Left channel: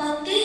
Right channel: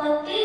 Okay.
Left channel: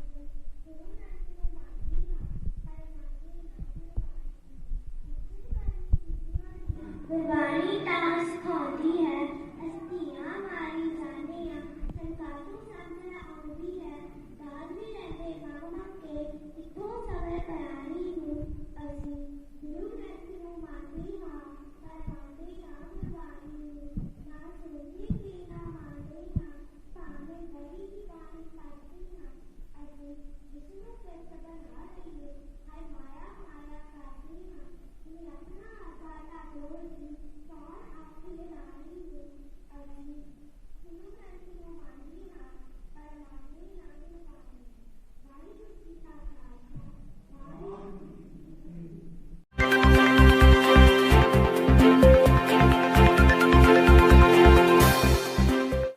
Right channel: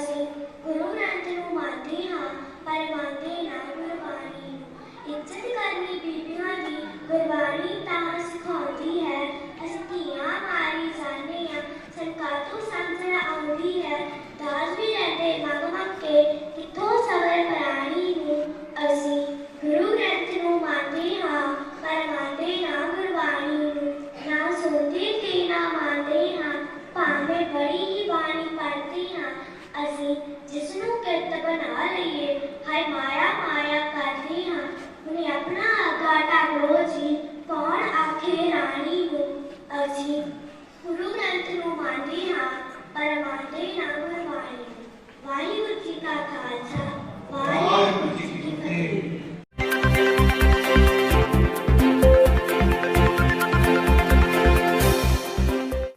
ਅਸੀਂ ਗੁਰੂ ਗ੍ਰੰਥ ਨੂੰ ਮੰਨਦੇ ਹਾਂ ਪਰ ਮੰਨਦੇ ਨਾ ਗੁਰਬਾਣੀ ਨੂੰ ਇੱਜ਼ਤ ਕਰਨੀ ਬੀਬੀਆਂ ਦੀ ਗੁਰਬਾਣੀ ਤਾਂ ਸਿਖਾਉਂਦੀ ਹੈ ਅਸੀਂ ਧੀਆਂ ਮਾਰੀ ਜਾਂਦੇ ਹਾਂ ਸਰਕਾਰ ਤੋਂ ਸਮਝ ਆਉਂਦੀ ਹੈ ਦਾਸ ਵੀ ਰਹਿੰਦੇ ਮੰਗ ਮੰਗ ਕੇ ਕਿੱਥੋਂ ਸਬਰ ਮਰਾਣੀ ਨੂੰ ਅਸੀਂ ਗੁਰੂ ਗ੍ਰੰਥ ਨੂੰ ਮੰਨਦੇ ਹਾਂ ਪਰ ਮੰਨਦੇ ਨਾ ਗੁਰਬਾਣੀ ਨੂੰ ਨਾ ਸੁਣਦੇ ਤੇ ਨਾ ਮੰਨਦੇ ਹਾਂ ਭਾਵੇਂ ਬੜੀ हाय माया माया कर रही हाँ उन्हें अपना अगाटा लो कौन आखे रानी हो अजी? गुरु ग्रंथ नु मानदी हाँ पर मानदे ना गुरबाणी वाहिगुरु